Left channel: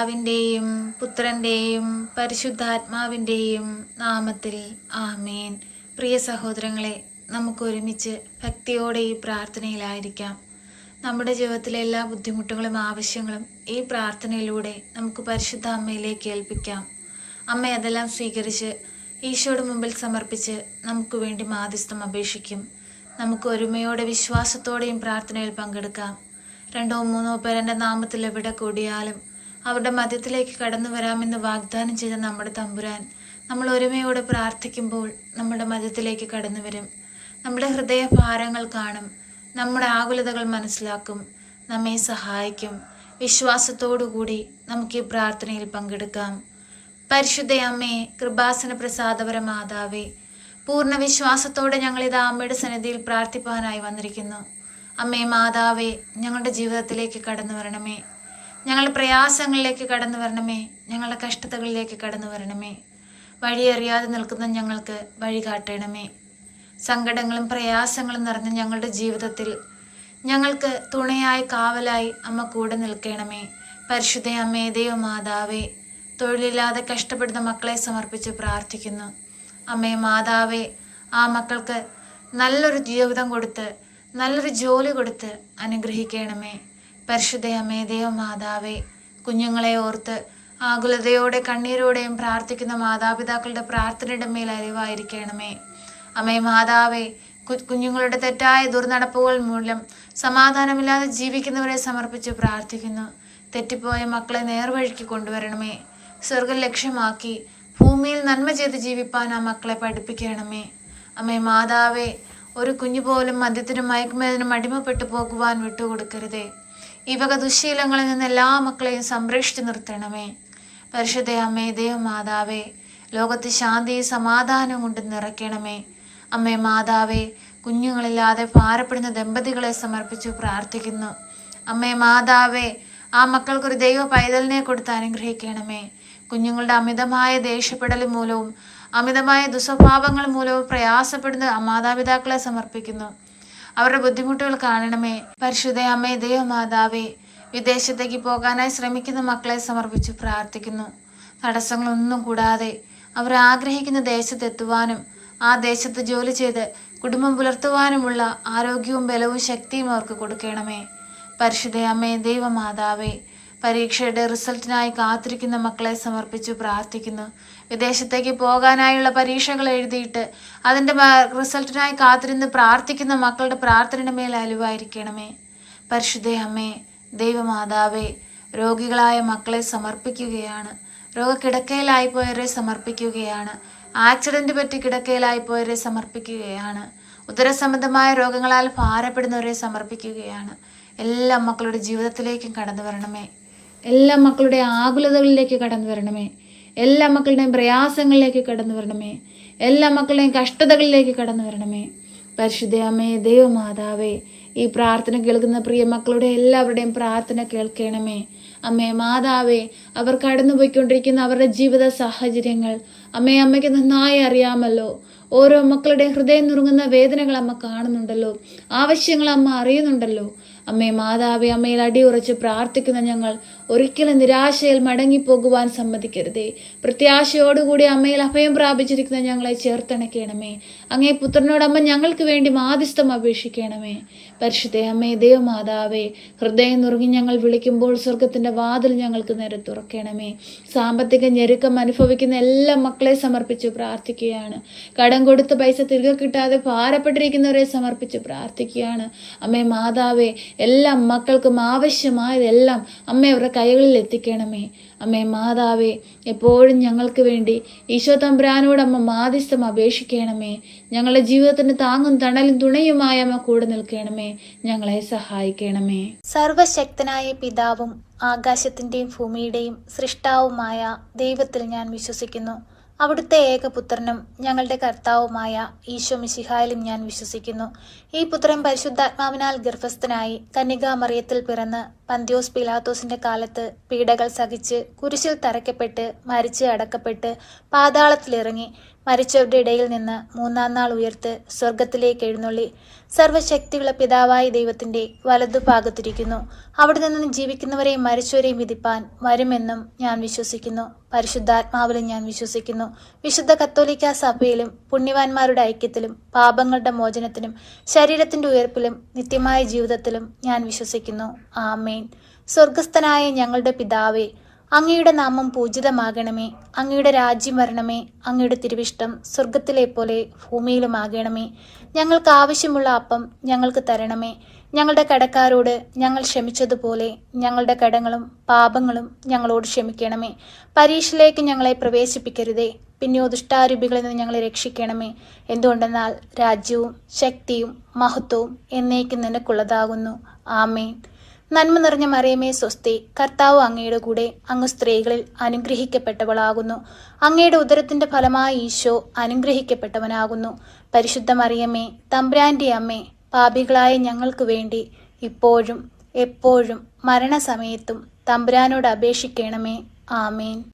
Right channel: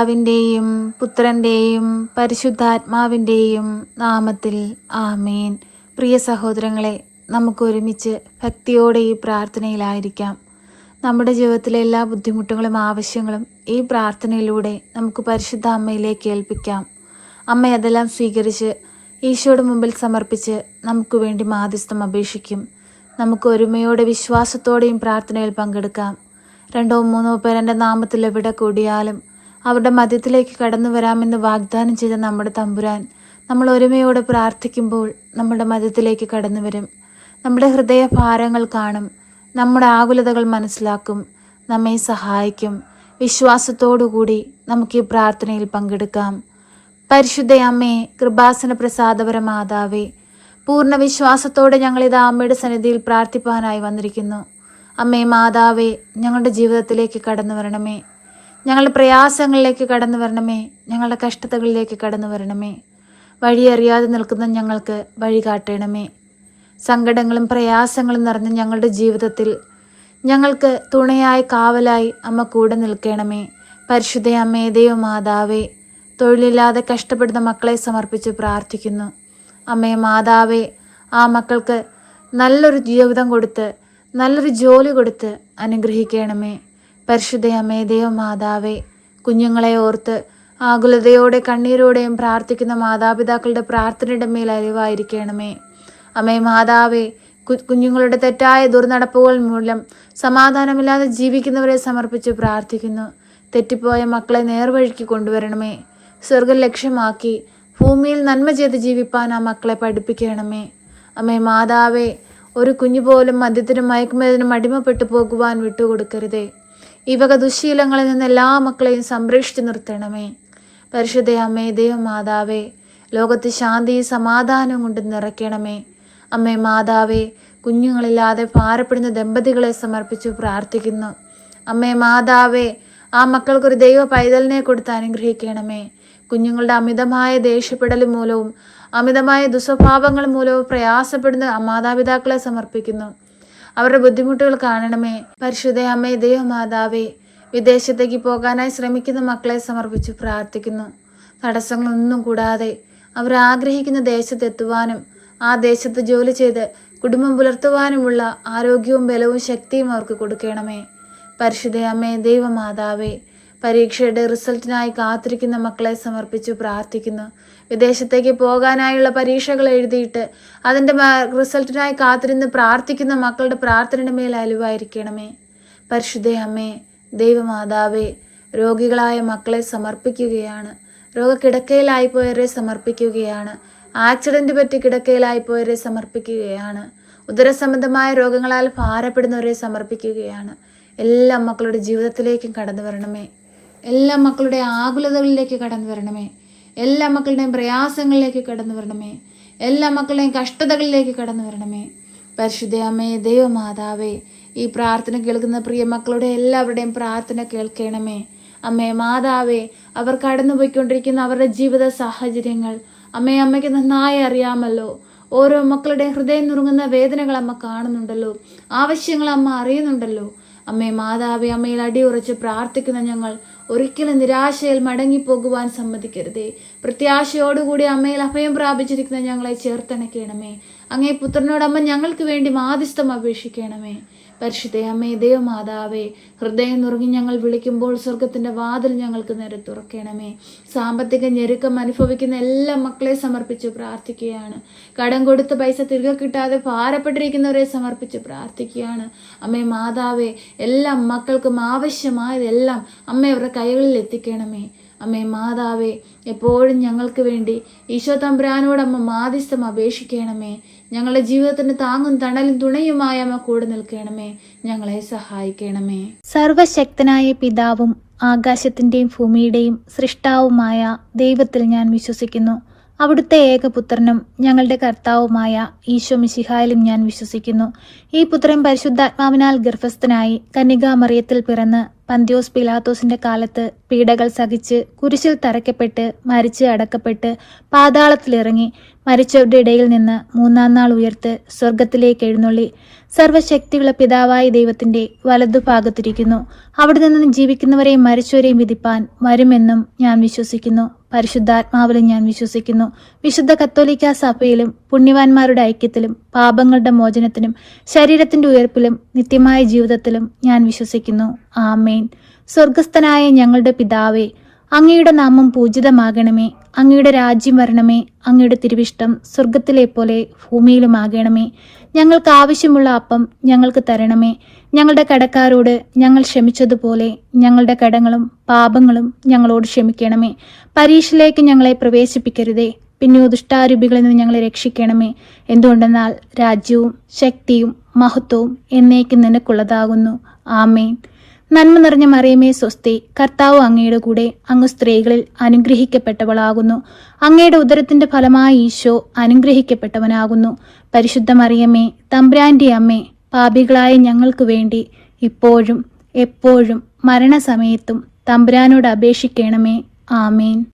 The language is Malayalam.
പിതാവിൻ്റെയും പുത്രൻ്റെയും പരിശുദ്ധാത്മാവിൻ്റെയും നാമത്തിൽ ആമേൻ. പ്രിയ സഹോദരങ്ങളെ, നമുക്ക് ഒരുമിച്ച് ഭക്തിയോടെ ഈ പ്രാർത്ഥനയിലായിരിക്കാം. നമ്മുടെ ജീവിതത്തിലെ എല്ലാ ബുദ്ധിമുട്ടുകളും ആവശ്യങ്ങളും ഈ പ്രാർത്ഥനയിലൂടെ നമുക്ക് പരിശുദ്ധ അമ്മയിലേക്ക് ഏൽപ്പിക്കാം. അമ്മ അതെല്ലാം സ്വീകരിച്ച് ഈശോയുടെ മുമ്പിൽ സമർപ്പിച്ച് നമുക്ക് വേണ്ടി മാധ്യസ്ഥം അപേക്ഷിക്കും. നമുക്ക് ഒരുമയോടെ വിശ്വാസത്തോടെയും പ്രാർത്ഥനയിൽ പങ്കെടുക്കാം. 2-3 പേർ എൻ്റെ നാമത്തിൽ എവിടെ കൂടിയാലും അവരുടെ മധ്യത്തിലേക്ക് കടന്നു വരാമെന്ന് വാഗ്ദാനം ചെയ്ത നമ്മുടെ തമ്പുരാൻ നമ്മൾ ഒരുമയോടെ പ്രാർത്ഥിക്കുമ്പോൾ നമ്മുടെ മധ്യത്തിലേക്ക് കടന്നു വരും. നമ്മുടെ ഹൃദയ ഭാരങ്ങൾ കാണും, നമ്മുടെ ആകുലതകൾ മനസ്സിലാക്കും, നമ്മെ സഹായിക്കും. വിശ്വാസത്തോടുകൂടി നമുക്ക് ഈ പ്രാർത്ഥനയിൽ പങ്കെടുക്കാം. പരിശുദ്ധ അമ്മേ, കൃപാസന പ്രസാദപര മാതാവേ, പൂർണ്ണ വിശ്വാസത്തോടെ ഞങ്ങളിത് അമ്മയുടെ സന്നിധിയിൽ പ്രാർത്ഥിപ്പാനായി വന്നിരിക്കുന്നു. അമ്മേ മാതാവേ, ഞങ്ങളുടെ ജീവിതത്തിലേക്ക് കടന്നു വരണമേ. ഞങ്ങളുടെ പ്രയാസങ്ങളിലേക്ക് കടന്നു വരണമേ. ഞങ്ങളുടെ കഷ്ടതകളിലേക്ക് കടന്നു വരണമേ. വഴിയറിയാതെ നിൽക്കുന്ന ഞങ്ങൾക്ക് വഴി കാട്ടണമേ. സങ്കടങ്ങളും പ്രയാസങ്ങളും നിറഞ്ഞ ഞങ്ങളുടെ ജീവിതത്തിൽ ഞങ്ങൾക്ക് തുണയായി കാവലായി അമ്മ കൂടെ നിൽക്കണമേ. പരിശുദ്ധ അമ്മേ, ദൈവമാതാവേ, തൊഴിലില്ലാതെ കഷ്ടപ്പെടുന്ന മക്കളെ സമർപ്പിച്ച് പ്രാർത്ഥിക്കുന്നു. അമ്മേ മാതാവേ, ആ മക്കൾക്ക് നല്ലൊരു ജീവിതം കൊടുത്ത് നല്ലൊരു ജോലി കൊടുത്ത് അനുഗ്രഹിക്കണമേ. പരിശുദ്ധ അമ്മേ, ദൈവമാതാവേ, കുഞ്ഞുങ്ങളെ ഓർത്ത് ആകുലതയോടെ കണ്ണീരോടെയും പ്രാർത്ഥിക്കുന്ന മാതാപിതാക്കളുടെ പ്രാർത്ഥനയുടെ മേൽ അരിവായിരിക്കണമേ. അമ്മേ മാതാവേ, കുഞ്ഞുങ്ങളുടെ തെറ്റായ ദുർനടപ്പുകൾ മൂലം സമാധാനമില്ലാതെ ജീവിക്കുന്നവരെ സമർപ്പിച്ച് പ്രാർത്ഥിക്കുന്നു. തെറ്റിപ്പോയ മക്കളെ നേർവഴിക്ക് കൊണ്ടുവരണമേ. സ്വർഗം ലക്ഷ്യമാക്കി ഭൂമിയിൽ നന്മ ചെയ്ത് ജീവിപ്പാൻ ആ മക്കളെ പഠിപ്പിക്കണമേ. അമ്മേ മാതാവേ, ഒരു കുഞ്ഞു പോലും മദ്യത്തിനും മയക്കുമരുന്നിനും അടിമപ്പെട്ടു പോകുവാൻ വിട്ടുകൊടുക്കരുതേ. ഈ വക ദുശ്ശീലങ്ങളിൽ നിന്ന് എല്ലാ മക്കളെയും സംരക്ഷിച്ചു നിർത്തണമേ. പരിശുദ്ധ അമ്മേ, ദൈവമാതാവേ, ലോകത്ത് ശാന്തിയും സമാധാനവും കൊണ്ട് നിറയ്ക്കണമേ. അമ്മേ മാതാവേ, കുഞ്ഞുങ്ങളില്ലാതെ ഭാരപ്പെടുന്ന ദമ്പതികളെ സമർപ്പിച്ചു പ്രാർത്ഥിക്കുന്നു. അമ്മേ മാതാവേ, ആ മക്കൾക്കൊരു ദൈവ പൈതലിനെ കൊടുത്ത് അനുഗ്രഹിക്കണമേ. കുഞ്ഞുങ്ങളുടെ അമിതമായ ദേഷ്യപ്പെടൽ മൂലവും അമിതമായ ദുസ്വഭാവങ്ങൾ മൂലവും പ്രയാസപ്പെടുന്ന മാതാപിതാക്കളെ സമർപ്പിക്കുന്നു. അവരുടെ ബുദ്ധിമുട്ടുകൾ കാണണമേ. പരിശുദ്ധ അമ്മേ, ദൈവമാതാവേ, വിദേശത്തേക്ക് പോകാനായി ശ്രമിക്കുന്ന മക്കളെ സമർപ്പിച്ച് പ്രാർത്ഥിക്കുന്നു. തടസ്സങ്ങളൊന്നും കൂടാതെ അവർ ആഗ്രഹിക്കുന്ന ദേശത്തെത്തുവാനും ആ ദേശത്ത് ജോലി ചെയ്ത് കുടുംബം പുലർത്തുവാനുമുള്ള ആരോഗ്യവും ബലവും ശക്തിയും അവർക്ക് കൊടുക്കണമേ. പരിശുദ്ധ അമ്മേ, ദൈവമാതാവേ, പരീക്ഷയുടെ റിസൾട്ടിനായി കാത്തിരിക്കുന്ന മക്കളെ സമർപ്പിച്ചു പ്രാർത്ഥിക്കുന്നു. വിദേശത്തേക്ക് പോകാനായുള്ള പരീക്ഷകൾ എഴുതിയിട്ട് അതിൻ്റെ റിസൾട്ടിനായി കാത്തിരുന്ന് പ്രാർത്ഥിക്കുന്ന മക്കളുടെ പ്രാർത്ഥനയുടെ മേൽ അലിവായിരിക്കണമേ. പരിശുദ്ധ അമ്മേ, ദൈവമാതാവേ, രോഗികളായ മക്കളെ സമർപ്പിക്കുകയാണ്. രോഗക്കിടക്കയിലായിപ്പോയവരെ സമർപ്പിക്കുകയാണ്. ആക്സിഡൻറ്റ് പറ്റി കിടക്കയിലായിപ്പോയവരെ സമർപ്പിക്കുകയാണ്. ഉദരസംബന്ധമായ രോഗങ്ങളാൽ ഭാരപ്പെടുന്നവരെ സമർപ്പിക്കുകയാണ്. എല്ലാ മക്കളുടെ ജീവിതത്തിലേക്കും കടന്നു വരണമേ. എല്ലാ മക്കളുടെ ആകുലതകളിലേക്ക് കടന്നു വരണമേ. എല്ലാ മക്കളുടെയും പ്രയാസങ്ങളിലേക്ക് കടന്നു വരണമേ. എല്ലാ മക്കളുടെയും കഷ്ടതകളിലേക്ക് കടന്നു വരണമേ. പരിശുദ്ധ അമ്മേ, ദൈവമാതാവേ, ഈ പ്രാർത്ഥന കേൾക്കുന്ന പ്രിയ മക്കളുടെ എല്ലാവരുടെയും പ്രാർത്ഥന കേൾക്കണമേ. അമ്മേ മാതാവേ, അവർ കടന്നുപോയിക്കൊണ്ടിരിക്കുന്ന അവരുടെ ജീവിത സാഹചര്യങ്ങൾ അമ്മയ്ക്ക് നന്നായി അറിയാമല്ലോ. ഓരോ മക്കളുടെ ഹൃദയം നുറുങ്ങുന്ന വേദനകൾ അമ്മ കാണുന്നുണ്ടല്ലോ. ആവശ്യങ്ങൾ അമ്മ അറിയുന്നുണ്ടല്ലോ. അമ്മേ മാതാവേ, അമ്മയിൽ അടിയുറച്ച് പ്രാർത്ഥിക്കുന്ന ഞങ്ങൾ ഒരിക്കലും നിരാശയിൽ മടങ്ങിപ്പോകുവാൻ സമ്മതിക്കരുതേ. പ്രത്യാശയോടുകൂടി അമ്മയിൽ അഭയം പ്രാപിച്ചിരിക്കുന്ന ഞങ്ങളെ ചേർത്തണയ്ക്കണമേ. അങ്ങേ പുത്രനോടമ്മ ഞങ്ങൾക്ക് വേണ്ടി മാധ്യസ്ഥം അപേക്ഷിക്കണമേ. പരിശുദ്ധ അമ്മേ, ദൈവമാതാവേ, ഹൃദയം നുറുങ്ങി ഞങ്ങൾ വിളിക്കുമ്പോൾ സ്വർഗത്തിൻ്റെ വാതിൽ ഞങ്ങൾക്ക് നേരെ തുറക്കണമേ. സാമ്പത്തിക ഞെരുക്കം അനുഭവിക്കുന്ന എല്ലാ മക്കളെ സമർപ്പിച്ച് പ്രാർത്ഥിക്കുകയാണ്. കടം കൊടുത്ത പൈസ തിരികെ കിട്ടാതെ ഭാരപ്പെട്ടിരിക്കുന്നവരെ സമർപ്പിച്ച് പ്രാർത്ഥിക്കുകയാണ്. അമ്മേ മാതാവേ, എല്ലാ മക്കൾക്കും ആവശ്യമായതെല്ലാം അമ്മ അവരുടെ കൈകളിൽ എത്തിക്കണമേ. അമ്മേ മാതാവേ, എപ്പോഴും ഞങ്ങൾക്ക് വേണ്ടി ഈശോ തമ്പുരാനോട് അമ്മ മാധ്യസ്ഥം അപേക്ഷിക്കണമേ. ഞങ്ങളുടെ ജീവിതത്തിന് താങ്ങും തണലും തുണയുമായ അമ്മ കൂടെ നിൽക്കണമേ. ഞങ്ങളെ സഹായിക്കണമേ. സർവശക്തനായ പിതാവും ആകാശത്തിൻ്റെയും ഭൂമിയുടെയും സൃഷ്ടാവുമായ ദൈവത്തിൽ ഞാൻ വിശ്വസിക്കുന്നു. അവിടുത്തെ ഏകപുത്രനും ഞങ്ങളുടെ കർത്താവുമായ ഈശോ മിശിഹായിലും ഞാൻ വിശ്വസിക്കുന്നു. ഈ പുത്രൻ പരിശുദ്ധാത്മാവിനാൽ ഗർഭസ്ഥനായി കന്യകാമറിയത്തിൽ പിറന്ന് പന്തിയോസ് പിലാത്തോസിന്റെ കാലത്ത് പീഡകൾ സഹിച്ച് കുരിശിൽ തറയ്ക്കപ്പെട്ട് മരിച്ച് അടക്കപ്പെട്ട് പാതാളത്തിലിറങ്ങി മരിച്ചവരുടെ ഇടയിൽ നിന്ന് മൂന്നാം നാൾ ഉയർത്ത് സ്വർഗത്തിലേക്ക് എഴുന്നള്ളി സർവശക്തിയുള്ള പിതാവായ ദൈവത്തിന്റെ വലതുഭാഗത്തിരിക്കുന്നു. അവിടെ നിന്ന് ജീവിക്കുന്നവരെയും മരിച്ചവരെയും വിധിപ്പാൻ വരുമെന്നും ഞാൻ വിശ്വസിക്കുന്നു. പരിശുദ്ധാത്മാവിലും ഞാൻ വിശ്വസിക്കുന്നു. വിശുദ്ധ കത്തോലിക്ക സഭയിലും പുണ്യവാന്മാരുടെ ഐക്യത്തിലും പാപങ്ങളുടെ മോചനത്തിനും ശരീരത്തിന്റെ ഉയർപ്പിലും നിത്യമായ ജീവിതത്തിലും ഞാൻ വിശ്വസിക്കുന്നു. ആമേൻ. സ്വർഗസ്ഥനായ ഞങ്ങളുടെ പിതാവേ, അങ്ങയുടെ നാമം പൂജിതമാകണമേ. അങ്ങയുടെ രാജ്യം വരണമേ. അങ്ങയുടെ തിരുവിഷ്ടം സ്വർഗത്തിലെ പോലെ ഭൂമിയിലുമാകണമേ. ഞങ്ങൾക്ക് ആവശ്യമുള്ള അപ്പം ഞങ്ങൾക്ക് തരണമേ. ഞങ്ങളുടെ കടക്കാരോട് ഞങ്ങൾ ക്ഷമിച്ചതുപോലെ ഞങ്ങളുടെ കടങ്ങളും പാപങ്ങളും ഞങ്ങളോട് ക്ഷമിക്കണമേ. പരീക്ഷയിലേക്ക് ഞങ്ങളെ പ്രവേശിപ്പിക്കരുതേ, പിന്നെ ദുഷ്ടാരൂപികളിൽ നിന്ന് ഞങ്ങളെ രക്ഷിക്കണമേ. എന്തുകൊണ്ടെന്നാൽ രാജ്യവും ശക്തിയും മഹത്വവും എന്നേക്കും നിനക്കുള്ളതാകുന്നു. ആമേൻ. നന്മ നിറഞ്ഞ മറിയമേ സ്വസ്തി, കർത്താവ് അങ്ങയുടെ കൂടെ, അങ്ങ് സ്ത്രീകളിൽ അനുഗ്രഹിക്കപ്പെട്ടവളാകുന്നു. അങ്ങയുടെ ഉദരത്തിന്റെ ഫലമായ ഈശോ അനുഗ്രഹിക്കപ്പെട്ടവനാകുന്നു. പരിശുദ്ധ മറിയമേ, തമ്പുരാന്റെ അമ്മേ, പാപികളായ ഞങ്ങൾക്ക് വേണ്ടി ഇപ്പോഴും എപ്പോഴും മരണസമയത്തും തമ്പുരാനോട് അപേക്ഷിക്കണമേ. ആമേൻ.